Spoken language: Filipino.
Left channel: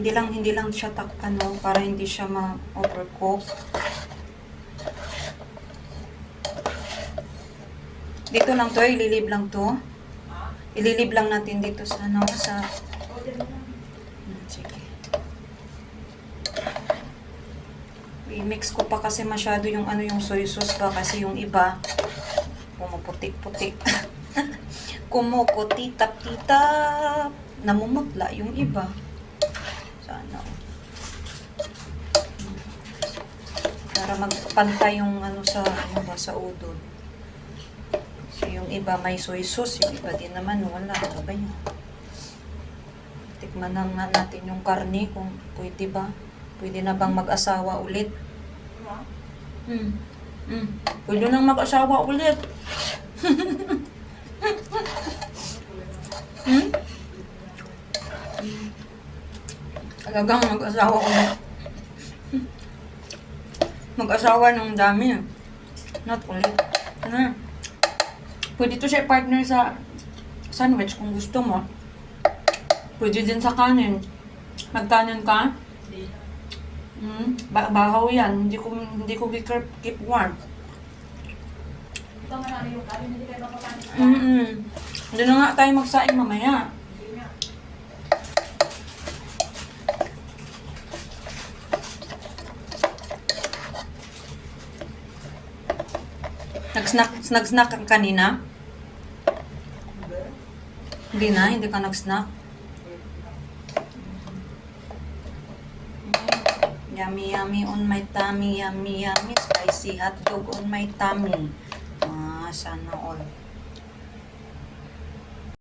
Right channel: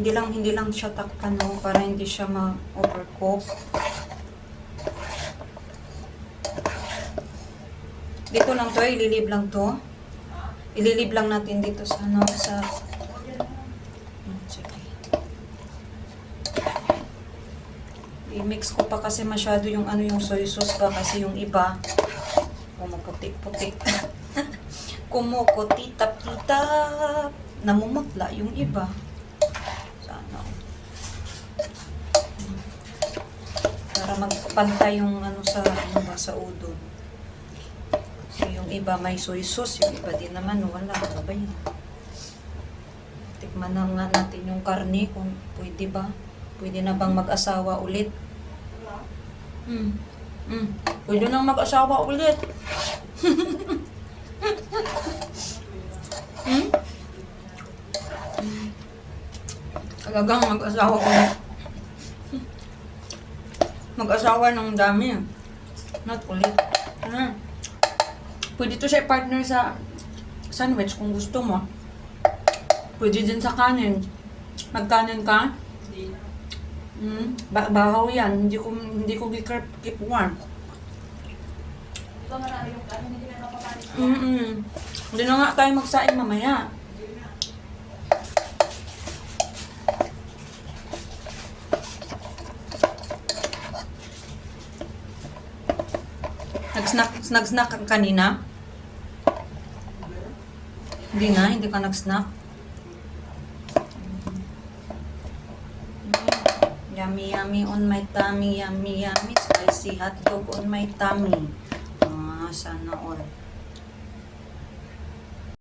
Hindi lang siya ano, para hindi siya ma-overcook. Dito lang to, ililib lang to. Ililib lang natin dito sa ano, sa... Sige. I-mix ko pa kasi masyado yung ano, yung soy sauce pa kasi yung iba pumuputik-putik. Kumukutitap-titap. Namumutla yung iba. Sana. Para magpantay yung ano sa ano ba, sa udon. Kasi yung iba may soy sauce, yung iba din naman wala. Ano ba yun? Tikman na nga natin yung karne kung pwede ba. Pwede na bang mag-asawa ulit? Pwede nang mag-asawa ulit. Talagang mag-asawa ulit. Mag-asawa ng dami. Not ulit. Pwede to siya partner sa sandwich kung gusto mo. Pwede din sa kanin. Magkanin ka? Bahaw yan. Hindi ko keep warm. Di ba marami yung kanin? Hindi kayo mapakanin. Hindi na nga tayo magsaing mamaya. Nag-snack ka kanina? Hindi ka nag-snack. Yummy, yummy on my tummy, yummy, yummy, spicy hotdog on my tummy. Sana all.